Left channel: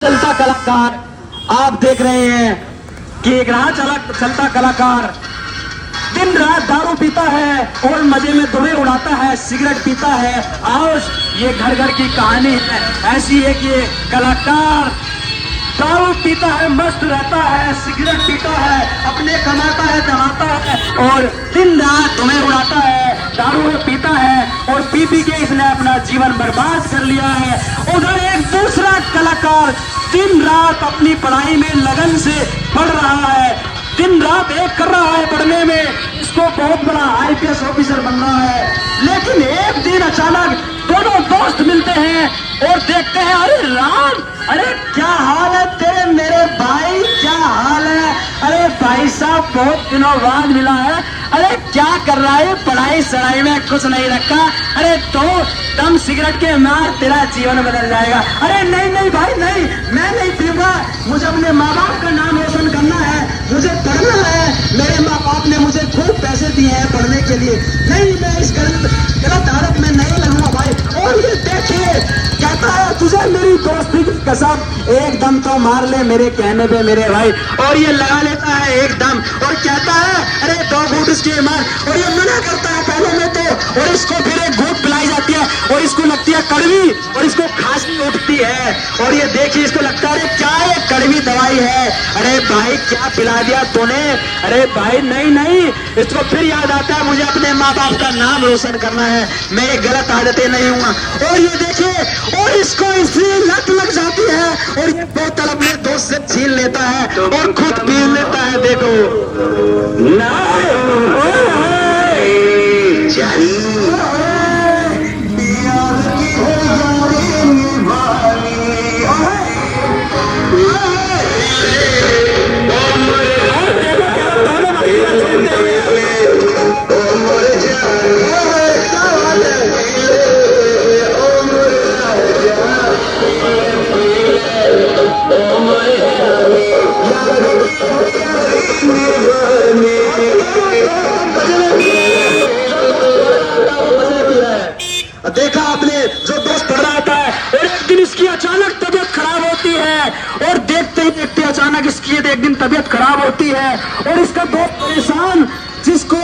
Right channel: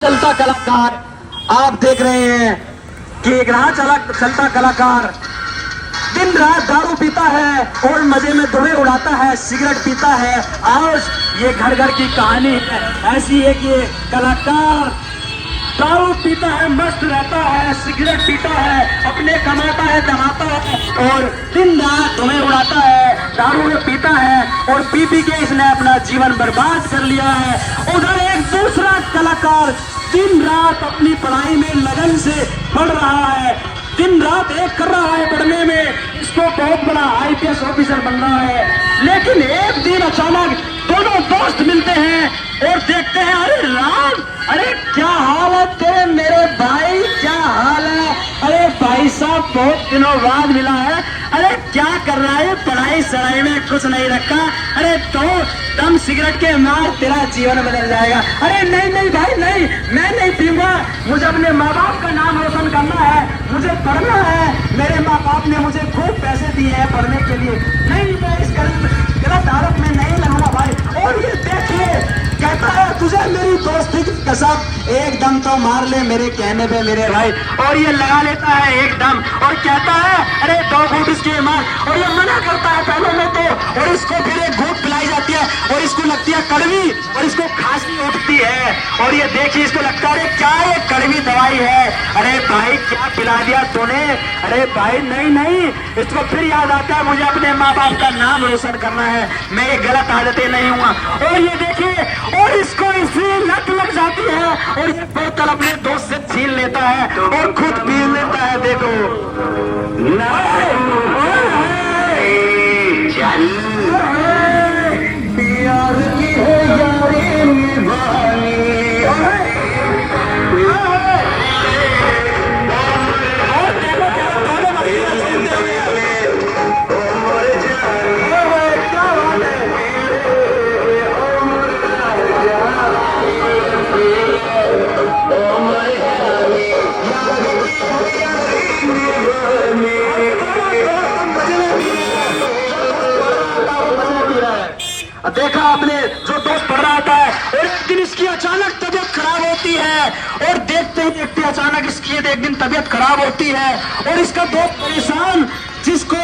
चलता कलाकार आप देख रहे हैं कि एक राह चलता कलाकार दिन रात दारू पीता है और मजे में धुएं उड़ाता है, सिगरेट पीता है। और ये घर घर की कहानी है ऐसी है कि ये कलाकार दारू पीता है, मस्त रहता है, सिगरेट पीता है, अपने कमाता है, दहाता है और दिन रात धुएं उड़ाता है, दारू पीता है और पी पी के इसने अपना जीवन बर्बाद कर लिया है। उधर एक दूसरा कलाकार दिन रात अपनी पढ़ाई में लगन से पढ़ रहा है, दिन रात एक कर रहा है पढ़ने में, इसको बहुत बड़ा आईपीएस ऑफिसर बन रहा है। लेकिन एक दिन अचानक दोनों दोस्त मिलते हैं और देखते हैं, अरे राम, अरे क्या हाल है तेरे मेरे भाई, क्या हाल है? अरे भाई साहब बहुत दिनों बाद मिला है, अरे क्या कर रहा है? पढ़ाई सड़ाई में कुछ नहीं रखा, अरे तो दम सिगरेट के मार तेरा जीवन बदल जाएगा। अरे नहीं नहीं भाई नहीं, मैं नहीं पीऊंगा, मुझे अपने माँ बाप का नाम रोशन करना है, मुझे पढ़ना है, मेरे माँ बाप ने मुझे खूब पैसे दिए हैं पढ़ने के लिए, नहीं मैं इस गलत आदत में नहीं रहूंगा भाई। और ये देखिए कहता है तुझे मेरी दोस्ती की कसम, एकदम तो मार ले मेरे कहने पे मेरे भाई। और ये लगा लेता है एकदम और कहता है अरे 2 घूंट उसके मार, और ये मना करता है पहले में तो, और इसको फिर एक घूंट पिलाई जाती है और इसको लगती है कड़वी और इसको खांसी उठती है। और ये देखिए इसको लगता है क्या ये कड़वी दवाई है, अरे भाई क्या पिला दिया तूने, अरे भाई नहीं नहीं। इसको फिर याद आता है मुझे अपने माँ बाप का नाम रोशन करना है, मैं गलत आदतें नहीं हुआ। और ये देखिए और इसको इसलिए लत लग जाती है और ये बोतल अपने दोस्त से छीन लेता है और खुद पी लेता है। देखो देखा आपने जो दोस्त पढ़ रहा होता है और एक दिन इसकी अचानक तबीयत खराब होती है और देखते ही देखते अचानक इसकी एक दिन तबीयत खराब होती है और इसका दोस्त परेशान जिसको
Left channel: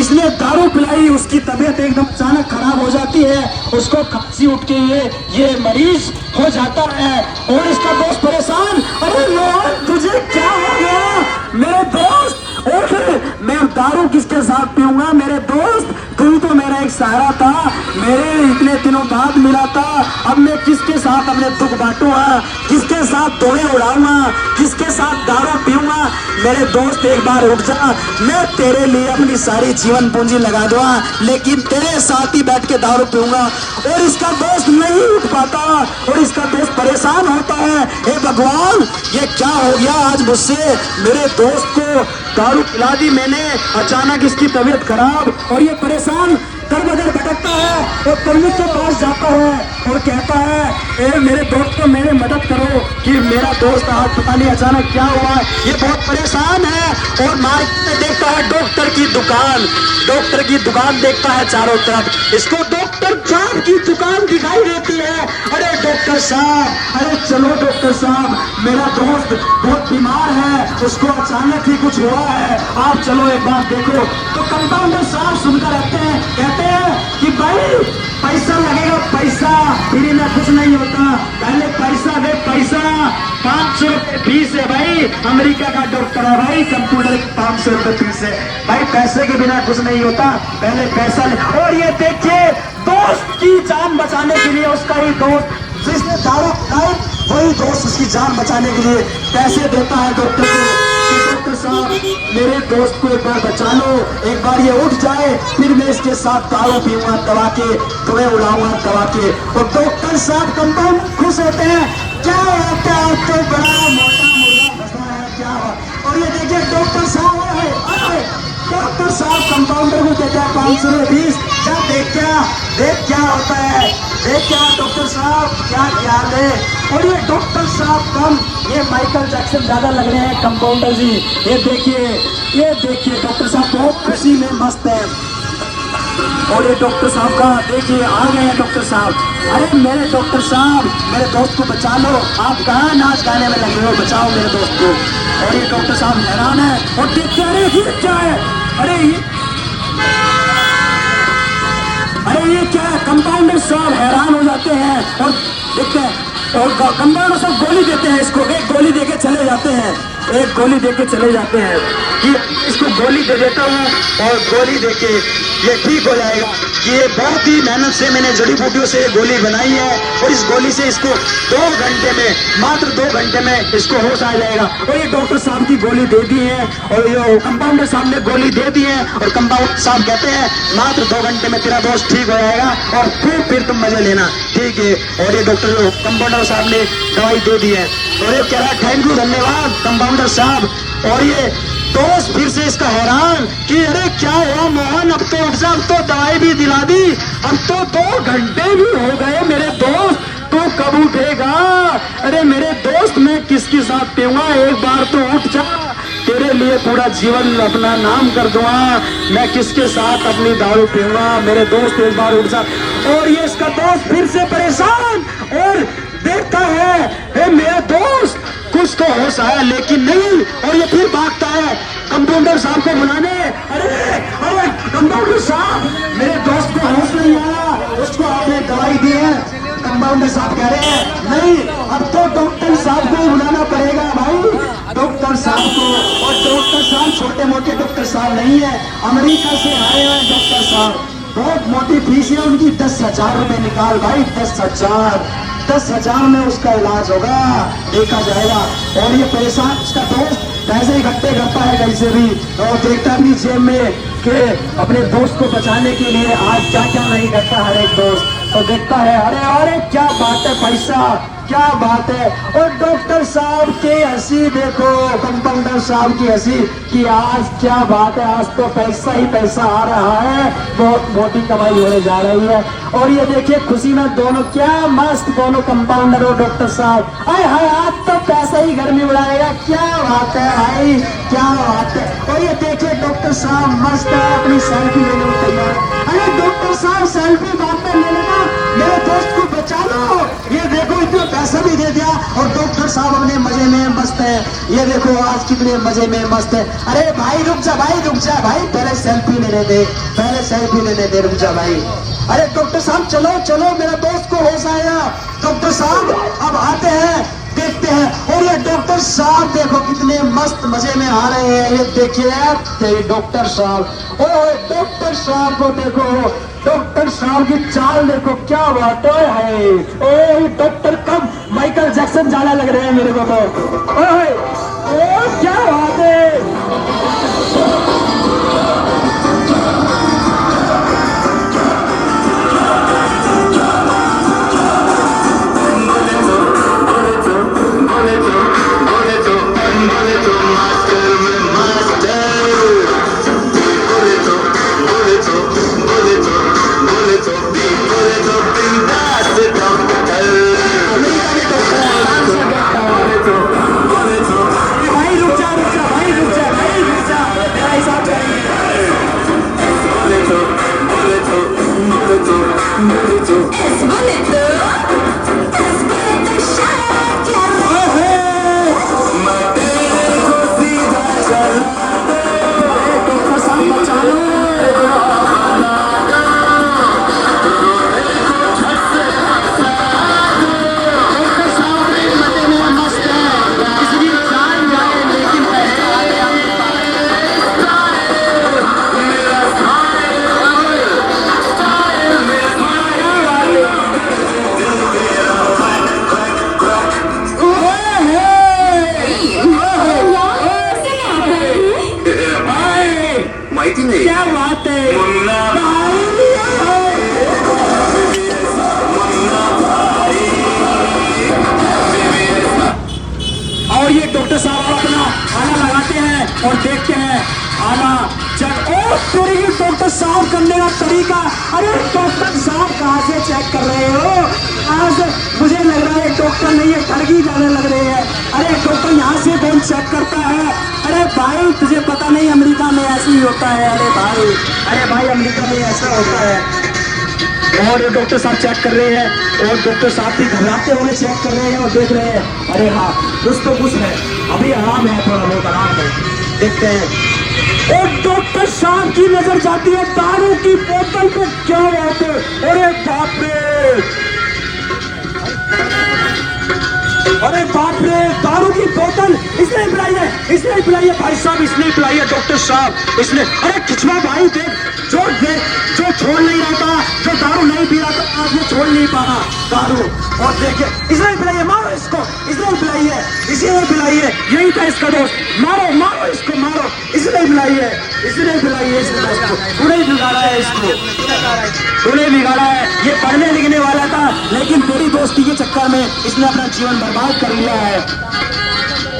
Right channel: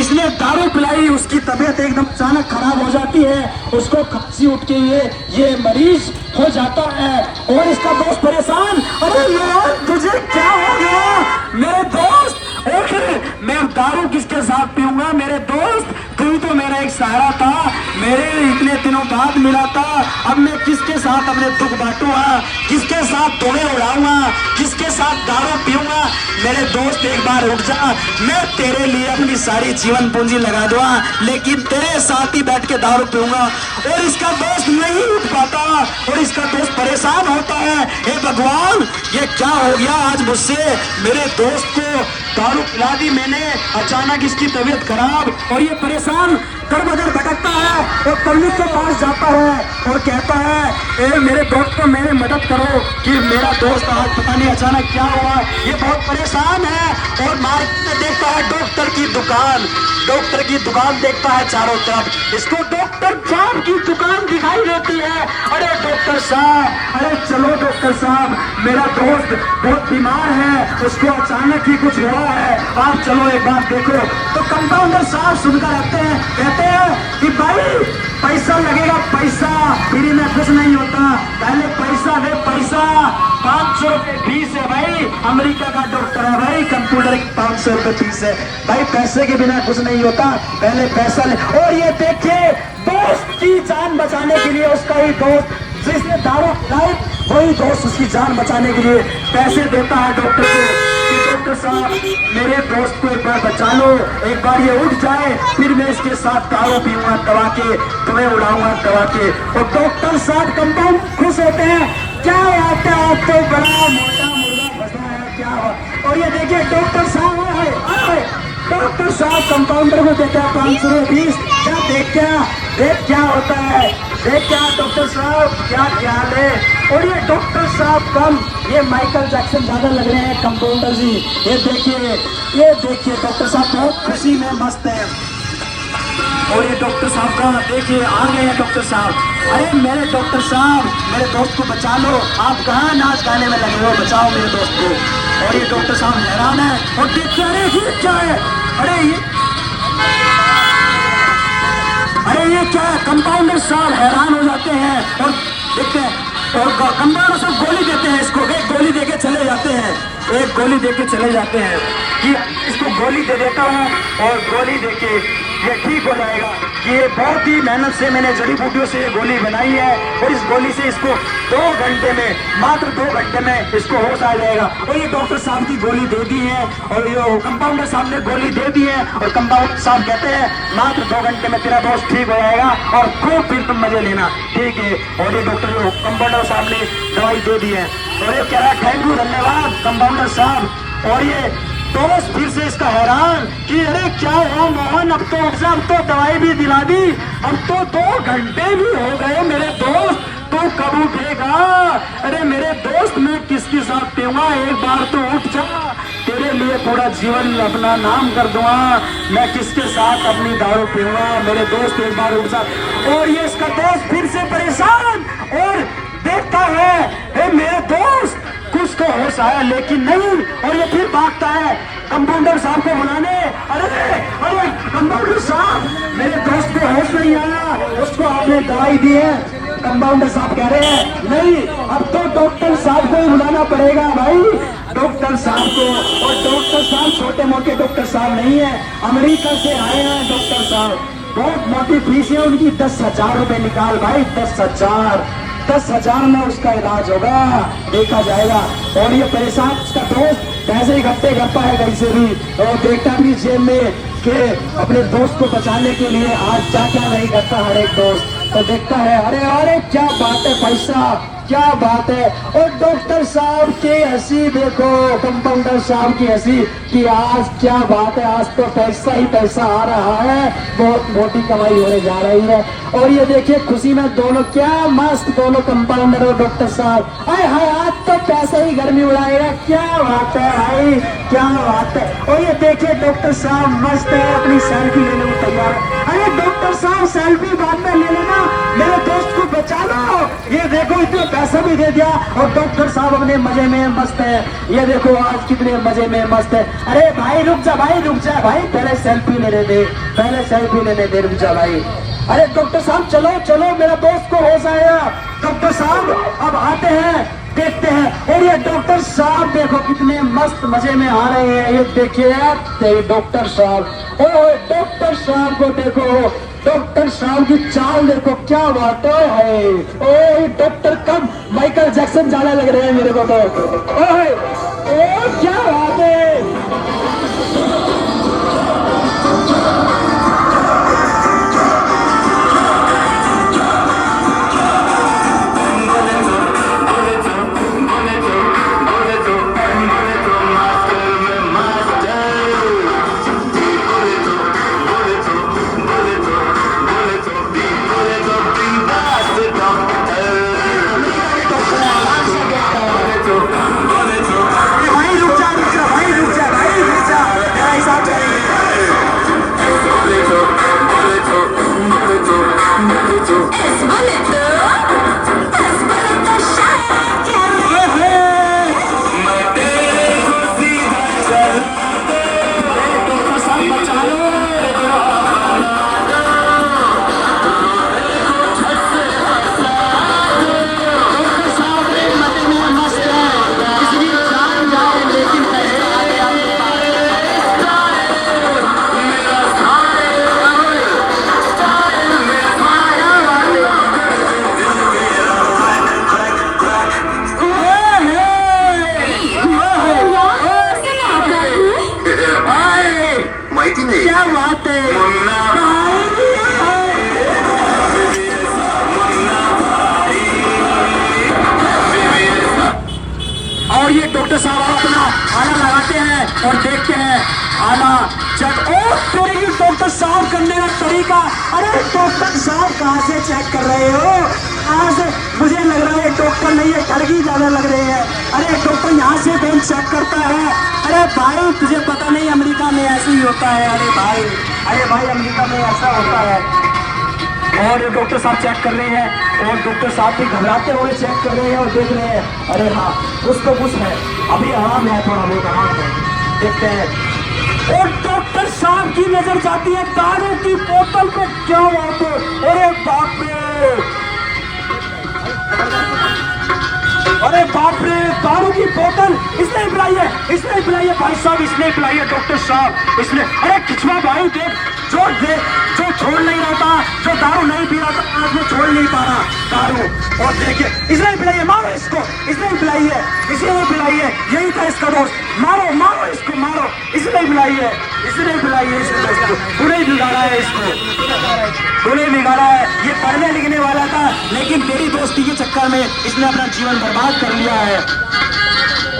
इसने दारू पिलाई उसकी तबीयत एकदम अचानक खराब हो जाती है, उसको खांसी उठ के ये मरीज हो जाता है और इसका दोस्त परेशान, अरे यार तुझे क्या हो गया मेरे दोस्त, मैं दारू किसके साथ पीऊंगा मेरे दोस्त, तू तो मेरा एक सहारा था, मेरे इतने दिनों बाद मिला था, अब मैं किसके साथ अपने दुख बांटूंगा, किसके साथ धोने उड़ाऊंगा, किसके साथ दारू पीऊंगा। मेरे दोस्त एक बार उठ जा, मैं तेरे लिए अपनी सारी जीवन पूंजी लगा दूंगा लेकिन तेरे साथ ही बैठ के दारू पीऊंगा। और इसका दोस्त नहीं उठ पाता और इसका दोस्त परेशान होता है, हे भगवान ये क्या हो गया आज मुझसे, मेरे दोस्त को दारू पिला दी मैंने, अचानक इसकी तबीयत खराब। और ये परेशान दर बदर भटकता है और पंडित के पास जाता है और कहता है ए मेरे दोस्त को मेरी मदद करो कि मेरा दोस्त आज पता नहीं अचानक क्या हुआ, ये बहुत परेशान है। और मार्केट में देखता है डॉक्टर की दुकान देखता है चारों तरफ, इसको डॉक्टर साहब की दुकान दिखाई देती है। अरे डॉक्टर साहब, अरे चलो डॉक्टर साहब, मेरा दोस्त बहुत बीमार है, उसको अचानक ही कुछ हुआ है, आप चलो एक बार देखो। तो कंपाउंडर साहब सुनकर रहते हैं, कहते हैं कि भाई पैसा लगेगा, पैसा फ्री में कुछ नहीं होता, पहले पैसा दे पैसा, 500 रुपए फीस है भाई, अमेरिका का डॉक्टर है भाई, कंप्यूटर की 500 रुपए फीस है भाई, पैसे के बिना कुछ नहीं होता, पहले पैसा ले। और ये देखिए दोस्त की जान बचाने के लिए उसका ही दोस्त जिसने दारू पिलाई वही दोस्त उसकी जान बचाने के लिए पैसे देता है डॉक्टर को, डॉक्टर साहब मेरे दोस्त को एक बार बचा लो, एक बार ये उठ जाए फिर मैं इसके साथ दारू पीऊंगा दवा के, तुम्हें उड़ाऊंगा दवा के। और डॉक्टर साहब कंपाउंड खुश होते हैं, क्या आता है तो बड़ा मोटा मुर्गा फंसा है क्या। और ये देखिए डॉक्टर साहब डॉक्टर साहब कंपाउंडर को देता है 520, क्या देख क्या होता है, देख क्या डॉक्टर साहब क्या ख्याल है। और ये डॉक्टर साहब कम, ये माइकल जैक्सन ज्यादा लग रहे हैं कंपाउंडर जी, ये देखिए डॉक्टर साहब बहुत खुशी में मस्त है। और ये डॉक्टर साहब का देखिए आ गए हैं डॉक्टर साहब। अरे मेरे डॉक्टर साहब, मेरे दोस्त को बचा लो, आप कहाँ नाच गाने में लगे हो, बचाओ मेरे दोस्त को। और ये डॉक्टर साहब हैरान है और देखते अरे ये क्या है, अरे ये क्या है। कंपाउंडर साहब हैरान हो जाते हैं और देखते हैं और कंपाउंडर साहब गोली देते हैं इसको, एक गोली देके चले जाते हैं, एक गोली देके चले जाते हैं कि इसको गोली दे देता हूँ और गोली देके ये ठीक हो जाएगा। कि ये बहुत ही मेहनत से मैंने जड़ी बूटियों से ये गोली बनाई है और इस गोली से इसको 2 घंटे में, मात्र 2 घंटे में इसको होश आ जाएगा। और ये डॉक्टर साहब की गोली दे दी है और ये कंपाउंडर साहब ने गोली दे दी है और कंपाउंडर साहब कहते हैं मात्र 2 घंटे में तेरा दोस्त ठीक हो जाएगा और खूब फिर तुम मजे लेना, ठीक है। और ये डॉक्टर कंपाउंडर साहब ने दवाई दे दी है। अरे कह रहा थैंक यू, धन्यवाद कंपाउंडर साहब। और ये दोस्त फिर से इसका हैरान कि अरे क्या हुआ मोहन, अब तो अब तो दवाई भी दिला दी, अब तो 2 घंटे भी हो गए मेरे दोस्त, तू कब उठेगा। अरे मेरे दोस्त मैं किसके साथ पीऊंगा, एक बार तो उठ जा, तेरे लिए पूरा जीवन अपना नाम कर दूंगा, मैं किसके साथ अपनी दारू पीऊंगा, मेरे दोस्त एक बार उठ जा। और ये इसका दोस्त फिर से परेशान और देखता है मेरा दोस्त कुछ तो होश आया लेकिन नहीं, और ये फिर भागता है कंपाउंडर साहब को बुलाने। अरे कंपाउंडर साहब, मेरे दोस्त को होश नहीं आया, उसको आपने दवाई दी है। कंपाउंडर साहब कह रहे हैं नहीं, अब तो डॉक्टर साहब को ही बुलाना पड़ेगा भाई, डॉक्टर साहब को। और डॉक्टर साहब छोटे मोटे डॉक्टर साहब नहीं है, अमेरिका से आए हैं डॉक्टर साहब, बहुत मोटी फीस है उनकी, 10,000 रुपए निकाल भाई, 10,000 में उसका इलाज होगा, देखा जाएगा। और ये परेशान उसका दोस्त पैसे इकट्ठे करता है कहीं से भी और देखता भी जेब में कि अपने दोस्त को बचाने के लिए आज क्या क्या नहीं करता हर एक दोस्त, तो देखता है अरे क्या बात है पैसा, क्या बात है। और डॉक्टर साहब की हंसी देखो, कंपाउंडर साहब की हंसी कि आज क्या बात है, आज तो पैसा ही पैसा आ रहा है, बहुत मोटी कमाई होने जा रही है। और ये देखिए खुशी में दोनों क्या मस्त, दोनों कंपाउंडर और डॉक्टर साहब, हाय हाय आज तो पैसा ही गर्मी उड़ाएगा, क्या बात है भाई, क्या बात है। और ये देखिए डॉक्टर साहब मस्त है, अपनी सेल्फी लेने में तैयार। अरे डॉक्टर साहब सेल्फी बाद में ले लेना, मेरे दोस्त को बचा लो। ये देखो इतना पैसा भी दे दिया और डॉक्टर साहब अपने मजे में मस्त है, ये देखो आज कितने मजे में मस्त है। अरे भाई रुक जा भाई, रुक जा भाई, पहले सेल्फी लेने दे, पहले सेल्फी लेने दे, रुक जा भाई। अरे डॉक्टर साहब चलो चलो, मेरा दोस्त को होश आया। डॉक्टर साहब अब आते हैं, देखते हैं। और ये डॉक्टर साहब देखो कितने मस्त मजे में आ रहे हैं, ये देखिए डॉक्टर साहब, ओ डॉक्टर साहब को देखो, डॉक्टर साहब की चाल देखो, क्या बात है। ओ डॉक्टर कब माइकल जैक्सन जाना लग रहे हैं मेरे को तो, ओ क्या बात है। क्या बात है। और ये डॉक्टर साहब अपना आना लगाते हैं और देखते हैं आना चेक। और डॉक्टर साहब करने का तरीका, अरे डॉक्टर साहब कहाँ से चेक कर रहे हो, आज मुझे लग रहा है डॉक्टर नहीं है, ठगी ज्यादा लग रही है। अरे डॉक्टर यहाँ से कौन चेक करता है। अरे भाई तुझे पता नहीं अमेरिका में ऐसे ही होता है। अरे भाई अमेरिका में ऐसा क्या होता है। और डॉक्टर साहब चेक कर रहे हैं और डॉक्टर साहब भी घबराते हुए चेक कर रहे हैं और देख रहे हैं, अरे हाँ कुछ तो कुछ है, अभी आराम है, थोड़ा बहुत आराम है। देखते हैं एक डॉक्टर साहब की नजर जाती है दारू की बोतल को, क्या बात है, अरे बाप रे, अरे बाप रे, दारू की बोतल इसने पिलाई है, इसने पिलाई है भाई साहब, इसने पिलाई है डॉक्टर साहब, इसने, अरे किचवा भाई देख, जो छोड़ नहीं रहा था, जो दारू नहीं पी रहा था आज वो छोड़ नहीं पा रहा दारू, और देखिए इसने पिलाई है, मारो इसको, इसने पिलाई है, इसी ने पिलाई है, यही था इसका दोस्त, मारो मारो इसको मारो, इसने पिलाई है, इसने पिलाई है, इसको तूने बिगाड़ा है, इसको तूने बिगाड़ा है, ये पढ़ने लिखने वाला था लेकिन तेरी दोस्ती के चक्कर में इसने अपना जीवन बर्बाद कर लिया है।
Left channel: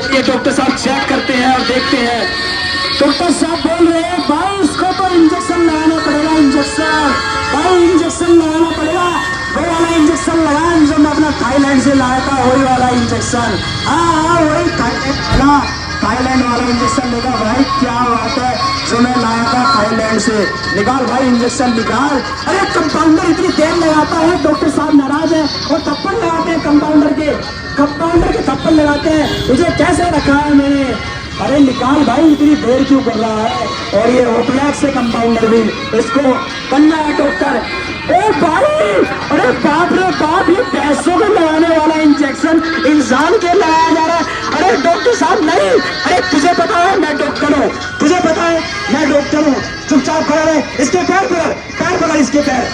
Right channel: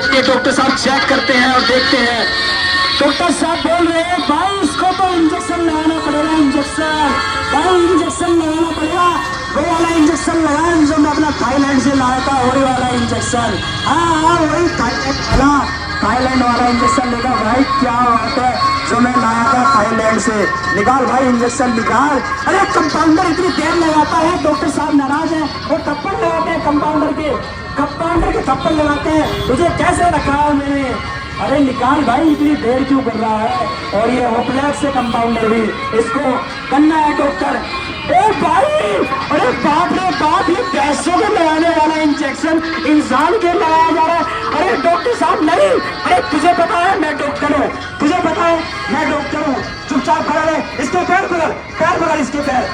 और ये डॉक्टर साहब चेक करते हैं और देखते हैं, डॉक्टर साहब बोल रहे हैं भाई इसको तो इंजेक्शन लगाना पड़ेगा, इंजेक्शन भाई इंजेक्शन लगाना पड़ेगा, वो वाला इंजेक्शन लगाया जो मैं अपना थाईलैंड से लाया था, वही वाला इंजेक्शन, हाँ वही थाईलैंड वाला इंजेक्शन लेगा भाई, क्या बात है, जो मैं लाया था थाईलैंड से, निकाल भाई इंजेक्शन निकाल। अरे कंपाउंडर इतनी देर लगाता है, डॉक्टर साहब नाराज है और थप्पड़ लगाते हैं कंपाउंडर के थप्पड़ लगाते हैं, तुझे कैसे रखा है मैंने, अरे निकाल भाई इतनी देर क्यों कर रहा है। और ये ओपनैक से कंपाउंडर भी, इसको बनना है डॉक्टर, ए भाई, अरे बाप रे बाप, ये पैसों को लगाने वाला इंजेक्शन इंसान के लगाया जा रहा है, अरे डॉक्टर साहब नहीं, अरे तुझे पता है मैं डॉक्टर हूँ, तुझे पता है मैं डॉक्टर हूँ, चुपचाप खड़ा रहे, इसके पैर पकड़ इसके पैर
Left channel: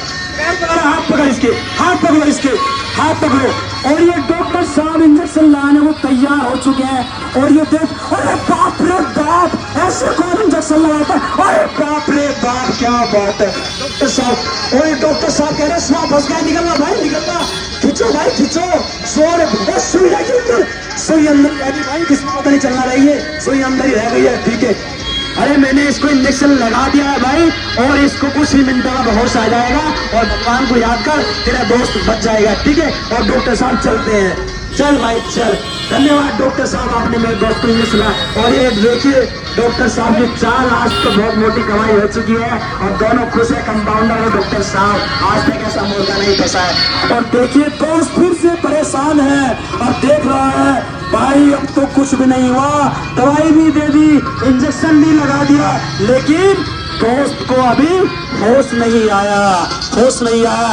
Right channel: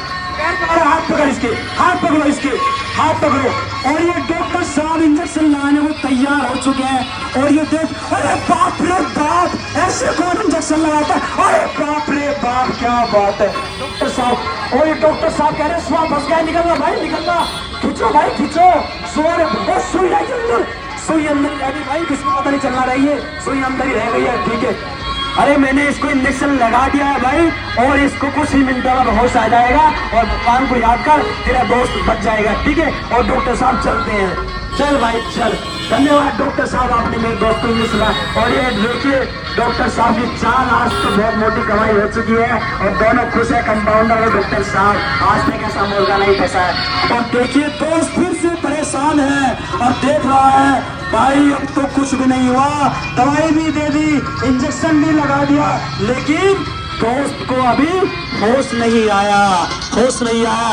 पकड़ो, हाथ पकड़ इसके, हाथ पकड़ो इसके, हाथ पकड़ो। और ये डॉक्टर साहब इंजेक्शन लगाने को तैयार हो चुके हैं और ये देख, अरे बाप रे बाप, ऐसे कौन इंजेक्शन लगाता है, अरे बाप रे बाप, क्या बात है डॉक्टर साहब। और ये डॉक्टर साहब कह रहे सांप फंस गया, निकलना भाई निकलना, खींचो भाई खींचो, सुई है के अंदर, सुई अंदर रह गई भाई, किसको पता नहीं चलना रही है, सुई अंदर ही रह गई है, ठीक है। अरे मैंने इसको इंजेक्शन लगा दिया है भाई, और इसको कुछ ही मिनटों में होश आ जाएगा और भगवान को याद कर, तेरा दोस्त बच जाएगा, ठीक है। और डॉक्टर साहब चलते हैं, चल भाई चल, धन्यवाद डॉक्टर साहब, आपने मेरे दोस्त को इंजेक्शन लगा। और ये देखिए डॉक्टर साहब की चाल आज तो बहुत मोटी कमाई हो चुकी है और दोनों खुश है, कंपाउंडर और डॉक्टर साहब, आज तक ऐसा मुर्गा नहीं फंसा है। और देखिए दोस्त फिर से परेशान है और देख रहा है भाई अब तो कुछ भी नहीं हुआ, दवाई भी दे दी, इंजेक्शन भी लगा दिया, लेकिन दोस्त को अभी होश नहीं आया, होश नहीं आया।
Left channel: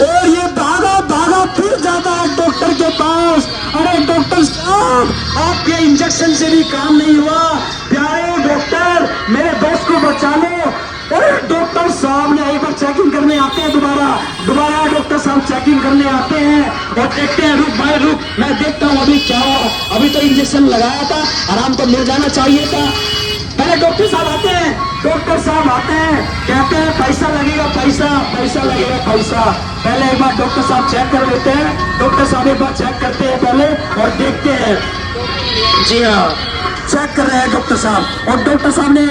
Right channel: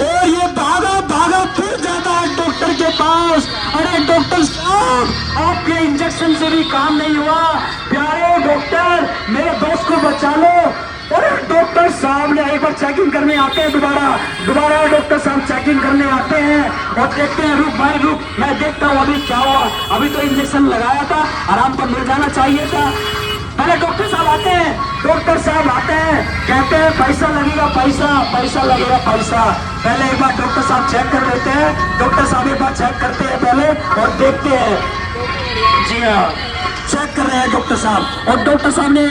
और ये भागा फिर जाता है डॉक्टर के पास, अरे डॉक्टर साहब आपके इंजेक्शन से भी काम नहीं हुआ, प्यारे डॉक्टर मेरे दोस्त को बचा लो। डॉक्टर साहब ने एक बार चेकिंग करने आते हैं, दोबारा डॉक्टर साहब चेकिंग करने आते हैं और देखते हैं, रुक भाई रुक, मैं देखता हूँ अभी क्या हुआ, अभी तो इंजेक्शन लगाया था, आराम तो मिल जाना चाहिए था। पहले डॉक्टर साहब आते हैं, कहते हैं पैसा लगेगा, पैसा लगेगा पैसा। पहले एक बार डॉक्टर साहब चेक कर लेते हैं, डॉक्टर साहब एक बार चेक करते हैं पहले और देखते हैं, जी हाँ चेक कर रहे हैं डॉक्टर साहब। और डॉक्टर साहब ने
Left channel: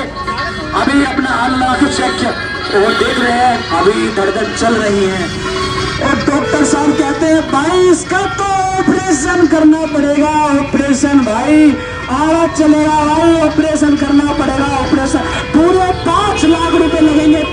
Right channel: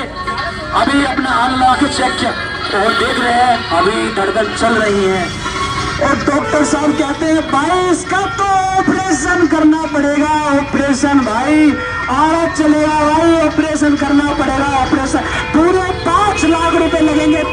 अभी अपना हाल लगा के चेक किया और देख रहे हैं अभी धड़कन चल रही है। और डॉक्टर साहब कहते हैं भाई इसका तो ऑपरेशन करना पड़ेगा, ऑपरेशन भाई, आवाज चलेगा भाई, ऑपरेशन करना पड़ेगा, ऑपरेशन पूरे 5 लाख रुपए लगेंगे,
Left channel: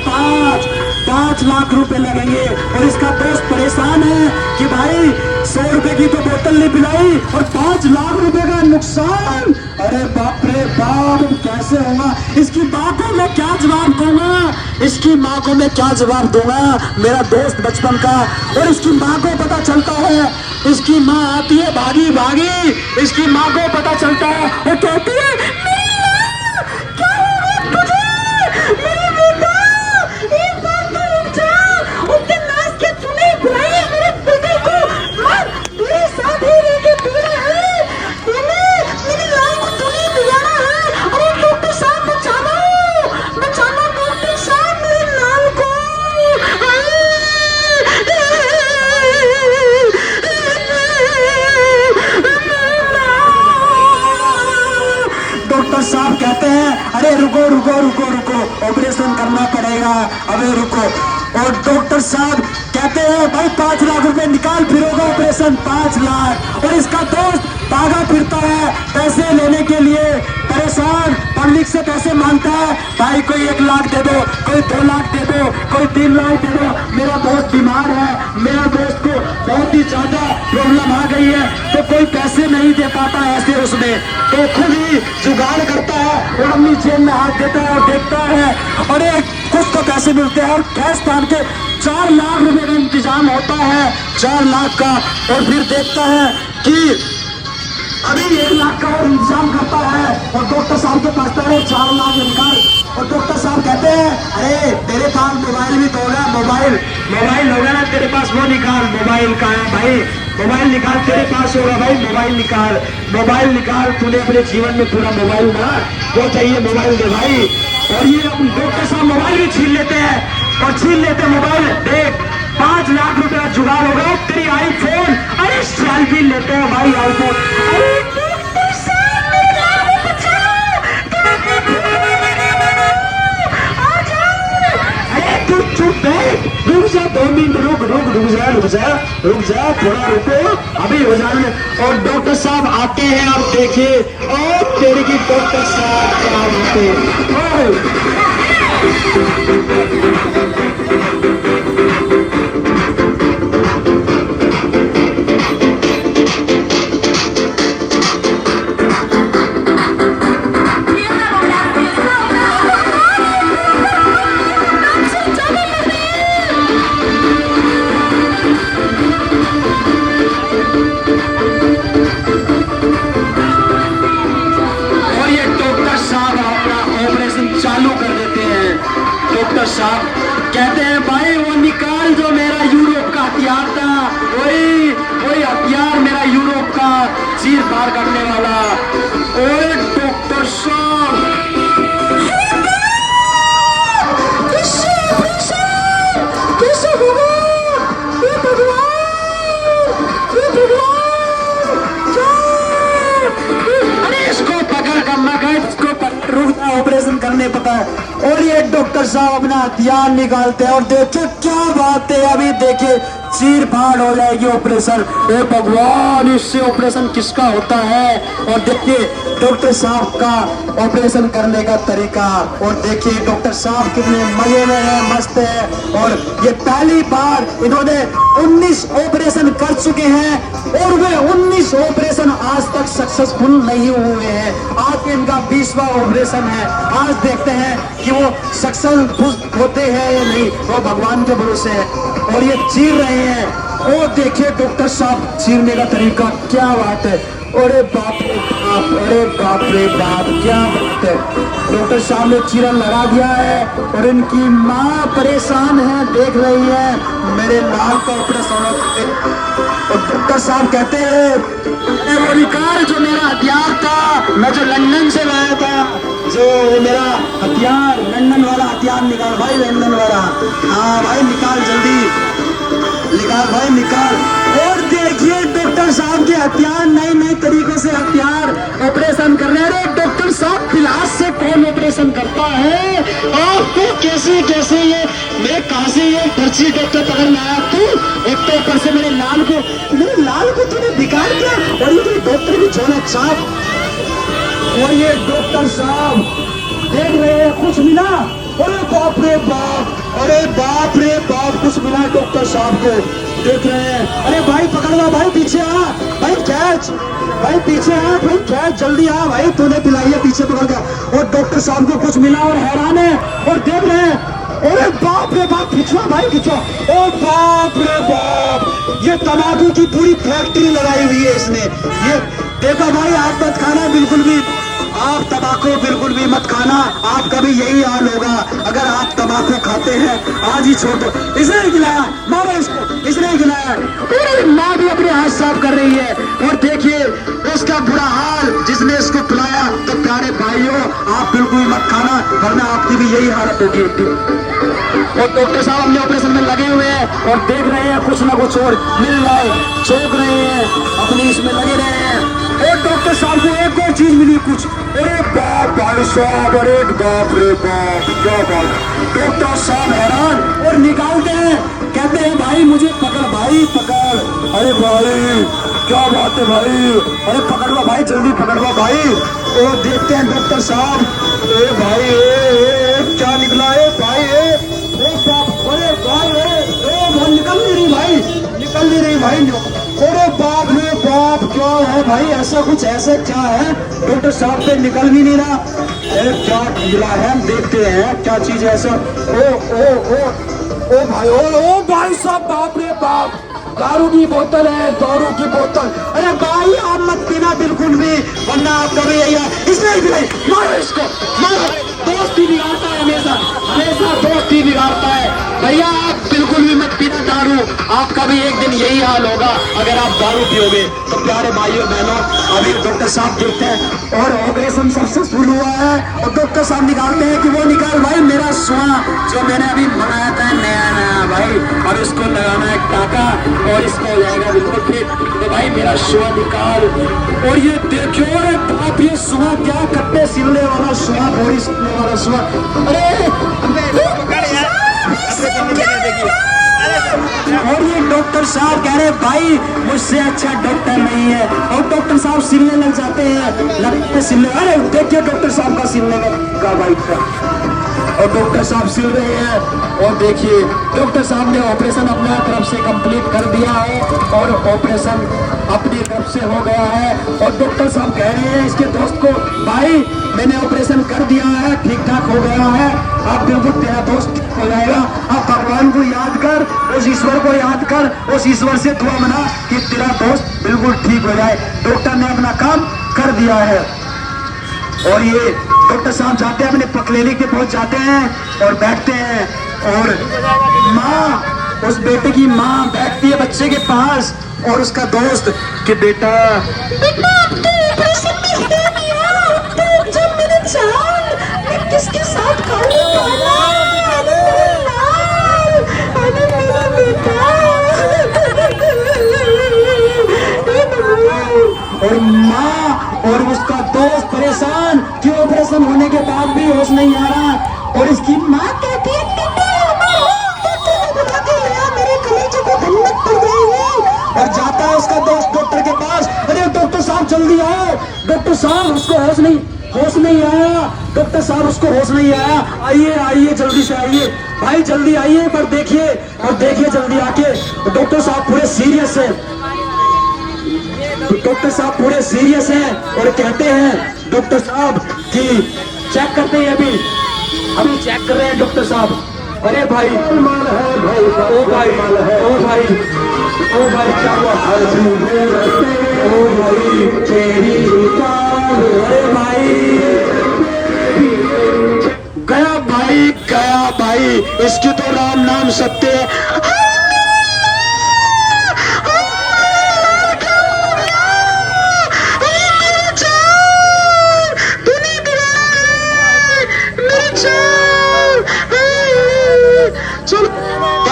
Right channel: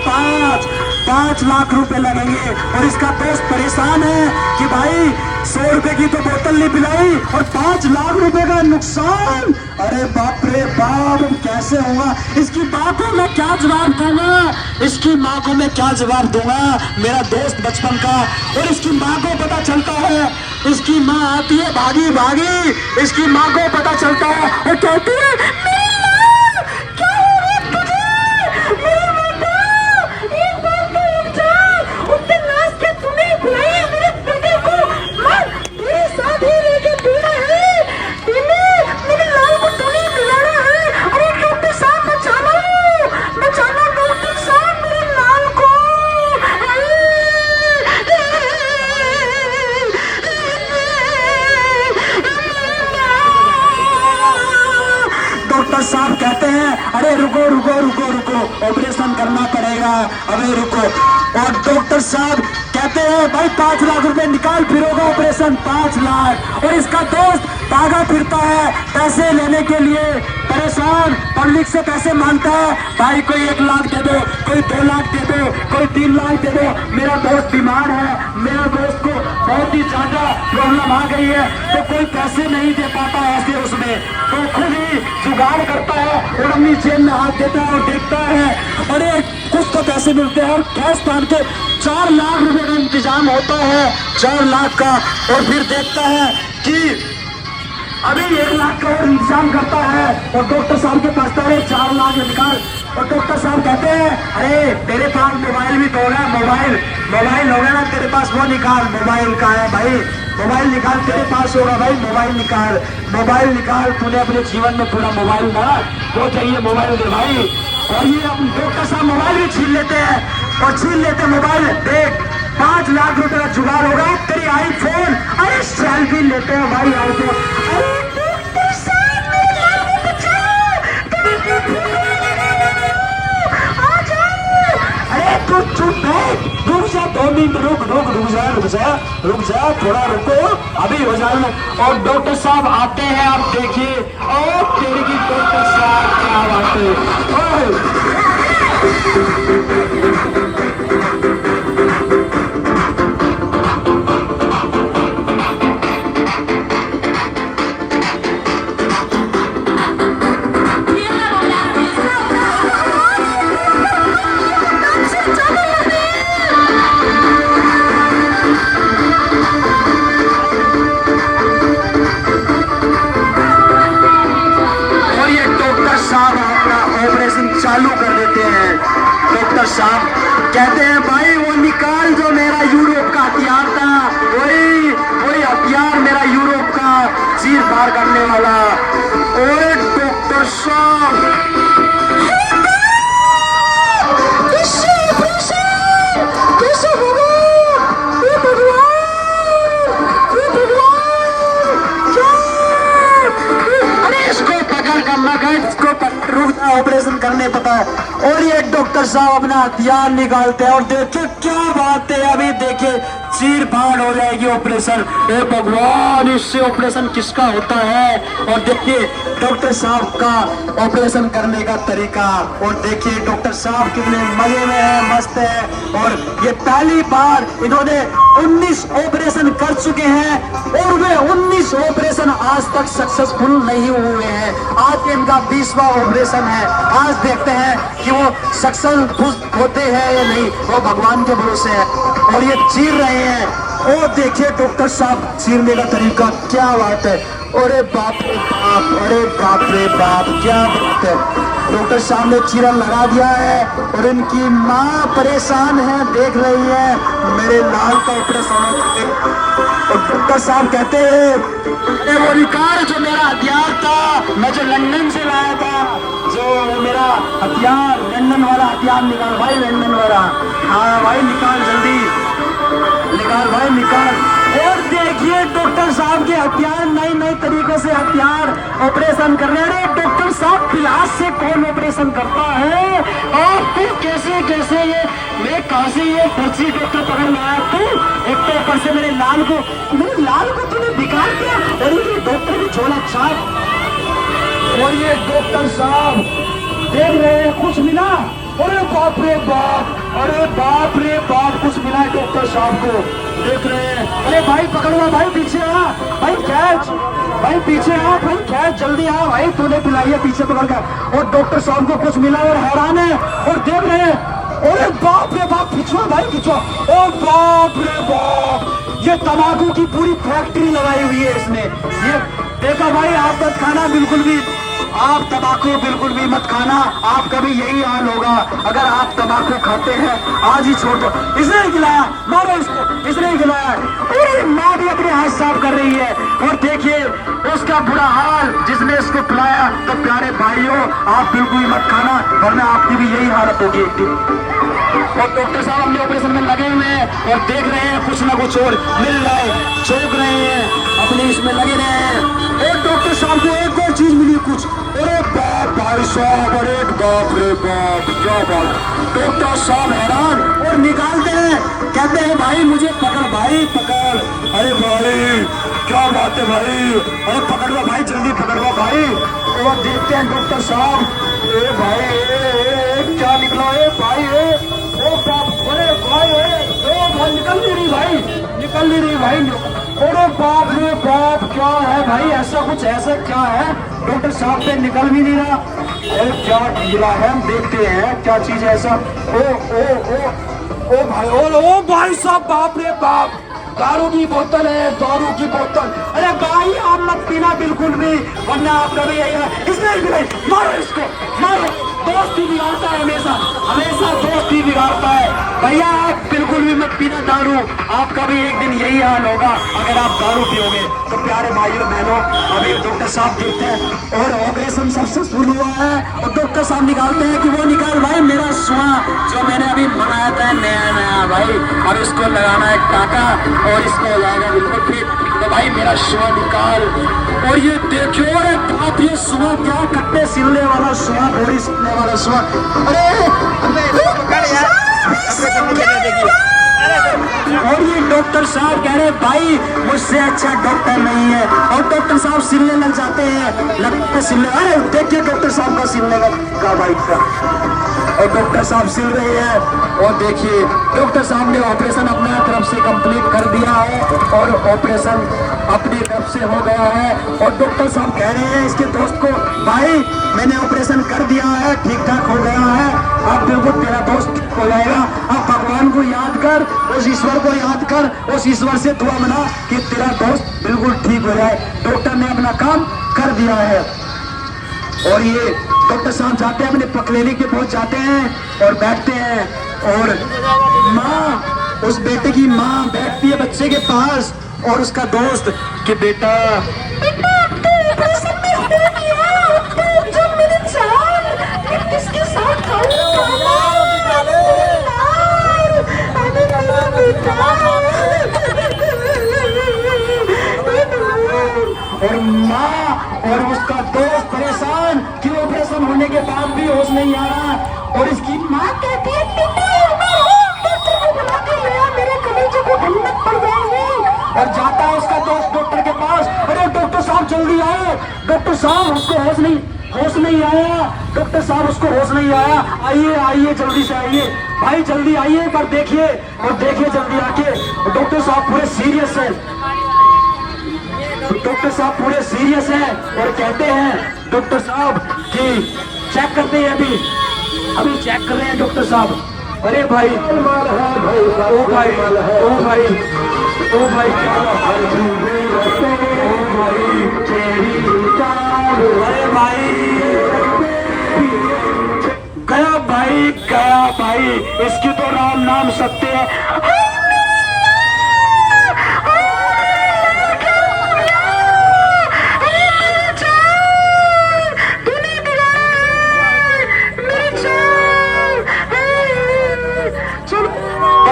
5 लाख रुपए लगेंगे। और इसका दोस्त परेशान है कि भाई 100 रुपए की तो बोतल नहीं पिलाई और 5 लाख रुपए का नुकसान, अरे बाप रे बाप कैसे होगा, इसकी माँ को मैं क्या जवाब दूंगा, इसकी माँ को मैं क्या जवाब दूंगा, मेरा दोस्त बचपन का। और इसकी माँ को पता चलता है, इसकी माँ आती है भागी, इसकी माँ को पता चलता है और कहती है डॉक्टर साहब कहते हैं अरे रुको ऑपरेशन करना पड़ेगा, अबे रुको। और डॉक्टर साहब कहते हैं भाई 5 लाख रुपए निकाल, फिर होगा ऑपरेशन, 5 लाख। और इसका दोस्त भागा फिरता है पैसे लेने के लिए। परेशान, पब्लिक से पैसे मांगता है, भाई कोई 1 लाख दे दो, कोई 2 लाख दे दो, कोई 3 लाख दे दो, मेरा दोस्त बीमार है, मेरा दोस्त को बहुत ही ज्यादा प्रॉब्लम आ गई है, तो कोई पैसे नहीं दे पाता ऐसे उसमें, तो खुद ही जुगाड़ करता है और अपनी जेब में हाथ देता है और देखता है, अरे कुछ तो पैसे मिलते हैं, और कैश तान के 4 लाख रुपए का इंतजाम होता है, 4 लाख का, और फिर देखता है कि अभी 1 लाख का और इंतजाम करता है, और डॉक्टर साहब के पास है 4 लाख निकाल, और डॉक्टर साहब कहते हैं अरे तेरे पास मोबाइल भी तो होगा, मोबाइल होगा ना तेरे पास, वो निकाल, मोबाइल का है भाई, मोबाइल निकाल, तेरे पास होगा भाई, मोबाइल निकाल, तूने अपने जीवन में पूरा मोबाइल ना, वो चाहिए मोबाइल दे भाई। और ये डॉक्टर साहब मोबाइल भी छीन लेते हैं, और छीन लेते मोबाइल, देख 5 लाख रुपए का जुगाड़ होगा, तेरी आईफोन, अरे सेल्फी लेते हैं भाई आईफोन, अरे डॉक्टर साहब मेरे लाल को बचाओ, आ जाओ, अरे तू चुप बैठ, रुक जा 2 मिनट, रुक जा थोड़ा रुको, अभी हो जाने। और डॉक्टर साहब आते हैं, आप देखिए, और तेरी की डॉक्टर साहब क्या आते, चालू कर देते हैं। डॉक्टर साहब कहते हैं भाई वो निकाल जो मेरा यूरोप का हथियार था, वही हथियार मेरा यूरोप का चीर फाड़ करने वाला। ओए डॉक्टर साहब कैसे होगा? ये अरे इसको पकड़ कर लगा, इसको रुकना ऑपरेशन करने पता है। और ये डॉक्टर साहब अपना हथियार निकालते हैं, और देखिए क्या बात है, अभी देखिए चीर फाड़ हो जाएगी ऑपरेशन। ए भगवान, इससे ऑपरेशन किसका होता है? और देखिए डॉक्टर साहब का ऑपरेशन करने का तरीका, और देखिए डॉक्टर साहब कितने मजे में है, मस्त है। और ये पहली बार इन्होंने 19 ऑपरेशन कर चुके हैं, और वे 19 ऑपरेशन आज तक सक्सेसफुल नहीं हुए हैं। आज इनका 20वां ऑपरेशन है। आज देखते हैं कि वो सक्सेसफुल होते हैं या नहीं, वो भगवान के भरोसे है। और ये चीर रहे हैं, और देखिए डॉक्टर साहब चीरने का तरीका, क्या बात है। अरे बाप रे बाप, अरे बाप रे बाप, क्या बात है। डॉक्टर साहब ने चीरन लगा दिया है, और इनकी माँ परेशान है, देख रही है मेरे लाल का ऑपरेशन। और डॉक्टर साहब कहते हैं अरे वो निकाल जो मेरा हथियार था, मैं जो लंदन से लाया था, जो मेरा हथियार, लंदन वाला हथियार निकाल भाई, लंदन वाला। हाँ भाई निकाल, जल्दी निकाल भाई, निकाल। और देखिए डॉक्टर साहब के हथियार, नई तरीके से हथियार ऑपरेशन कर रहे हैं। डॉक्टर साहब पिलास से कौन ऑपरेशन करता है? आपको कैसे ये मैं कहां से ये पर्ची डॉक्टर पकड़ लाया तू? इतने ऊपर से मेरे लाल को तूने बिगाड़ दिया। और ये डॉक्टर की झोला चाप, और ये डॉक्टर साहब देख रहे हैं कुछ मिला, अरे बाप रे बाप, अरे बाप रे बाप, कुछ मिला डॉक्टर साहब को, देख रहे हैं। अरे भाई पकड़ लो भाई, पीछे आ भाई, कैच भाई, पीछे आ भाई, कैच जल्दी आ भाई, तूने पिलाई है पीछे पकड़ कर। और डॉक्टर साहब को कुछ मिला और हैरान है, और देख रहे हैं, अरे बाप रे बाप, पीछे भाई पीछे, ओ बाप रे बाप, ये तंबाकू की पूरी फैक्ट्री लगाई हुई है इसने। ये देखो भाई, आप मत खाना बिल्कुल भी, आप तंबाकू बिल्कुल भी मत खाना, आपका भी यही हाल होगा अगर आप तंबाकू खाते हैं। आज ही छोड़ दो। इसने ही खिलाया, मारो इसको, इसने ही खिलाया। पूरी माँ भी अपने हाथ साफ कर रही है, और देखिए उसका बुरा हाल जिसने इसको पिलाया। तो प्यारे भाइयों, आप बिल्कुल भी मत खाना, वरना आपकी भी यही हालत होगी। और डॉक्टर साहब अपने ऑपरेशन में लगे हुए हैं, और देख रहे हैं कुछ ना कुछ और मिल रहा है, चौंक रहे हैं, अपने इसमें लगे रहे हैं। और डॉक्टर साहब को एक और चीज मिली कुछ, अरे बाप, भाई साहब, अरे बाप रे बाप, क्या बात। डॉक्टर साहब हैरान और निकालते हैं, कहते हैं भाई मुझे पकड़ भाई पकड़। अरे भाई क्या बात है भाई, अरे पकड़ लो भाई, जल्दी पकड़ लो भाई। और देखते हैं डॉक्टर साहब, ए भाई क्या निकला है भाई, अरे भाई निकल नहीं रही भाई, निकल नहीं रही भाई। अरे बाप रे बाप, क्या है भाई, ऐसा कुछ ऐसा क्या है, डॉक्टर साहब से निकल भी नहीं रहा। अरे क्या निकला है, हम देखते हैं क्या चीज है ऐसा। ओ भाई साहब, बाप रे बाप, दारू की बोतल है, दारू की बोतल। अरे भाई आप मत पीना बिल्कुल भी, वरना आप कभी इसमें भी मारो इसको, मारो। दोस्त ही बिगाड़ता है, हमेशा हमेशा दोस्त ही बिगाड़ता है। भैया आप बिल्कुल भी मत पीना दारू, आपका भी एक दिन यही हाल होगा अगर आप दारू पियोगे। तो प्यारे भाइयों बहनों, अभी डॉक्टर साहब देखते हैं और ऑपरेशन सक्सेसफुल हुआ है और डॉक्टर साहब निकालते हैं कि वो निकाल भाई मेरा सुआ जो मैंने अभी बनाया था नया नया भाई, अब इसको लगाना है टाका और इसका हो जाएगा बिल्कुल फिट। तो भाई मेरा सुआ निकाल। और ये देखो, अरे बाप, ये सुआ क्या कट्टे सिलने वाला सुआ, घोड़ी सिलने वाला सुआ। और ये डॉक्टर साहब कह रहे भाई मुझसे अच्छा डॉक्टर नहीं है, और डॉक्टर साहब सिलने लग जाते हैं, लगते सिलने। अरे देखिए डॉक्टर साहब का सिलने का भाई का, और डॉक्टर साहब सिल रहे हैं। और देखिए डॉक्टर साहब ने ऑपरेशन अपने तरफ से कंप्लीट कर दिया है और ऑपरेशन अपनी तरफ से हो गया है। और डॉक्टर साहब कह रहे हैं इसके दोस्त को, भाई मैंने ऑपरेशन कर दिया है, ठीक ठाक हो गया है, अब बिल्कुल तेरा दोस्त ठीक हो जाएगा। अब भगवान को याद कर, उस ईश्वर को याद कर, उस ईश्वर से दुआ मना कि तेरा दोस्त बिल्कुल ठीक हो जाए। डॉक्टर ने अपना काम कर दिया है। और ये डॉक्टर साहब जाते हैं अपने पकलेने के पहुंच जाते हैं और बैठते हैं, और माँ, उस बेटे की माँ बैठती है बच्चे के पास, और उसका दोस्त कि बेटा किसके साथ और माँ और उसका दोस्त परेशान कि ऑपरेशन होने के बाद भी होश नहीं आ रहा। और उसकी माँ कहती है और जाता है उसका दोस्त डॉक्टर के पास। अरे डॉक्टर साहब जल्दी आओ, डॉक्टर साहब उसको होश नहीं आया, डॉक्टर साहब उसको होश नहीं आया, आइए आइए जल्दी से आइए भाई, जल्दी आइए। पर देखिए और देखिए जल्दी आके, डॉक्टर साहब पूरे सीरियस है, डॉक्टर साहब पूरे सीरियस हैं और कहते हैं डॉक्टर साहब कि चेक करते हैं, अभी चेक कर रहे हैं डॉक्टर साहब। अरे भाई माल है भाई, ओ भाई माल है, ओ भाई क्या अरे भाई गया भाई, इसकी तो राम नाम सत्य है।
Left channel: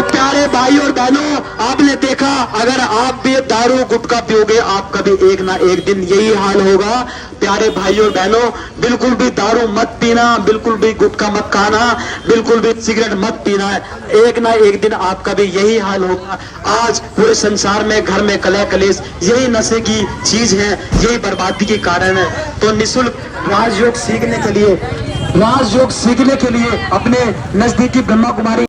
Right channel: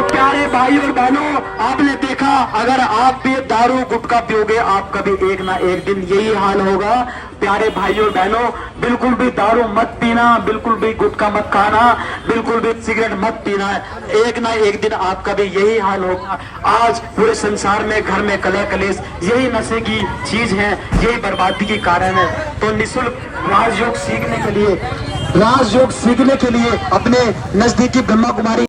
प्यारे भाई और बहनों, आपने देखा अगर आप भी दारू गुटखा पियोगे आपका भी एक ना एक दिन यही हाल होगा। प्यारे भाई और बहनों, बिल्कुल भी दारू मत पीना, बिल्कुल भी गुटखा मत खाना, बिल्कुल भी सिगरेट मत पीना, एक ना एक दिन आपका भी यही हाल होगा। आज पूरे संसार में घर में कलह कलेश यही नशे की चीज है, यही बर्बादी के कारण है। तो निःशुल्क राजयोग सीखने के लिए अपने नजदीकी ब्रह्मा कुमारी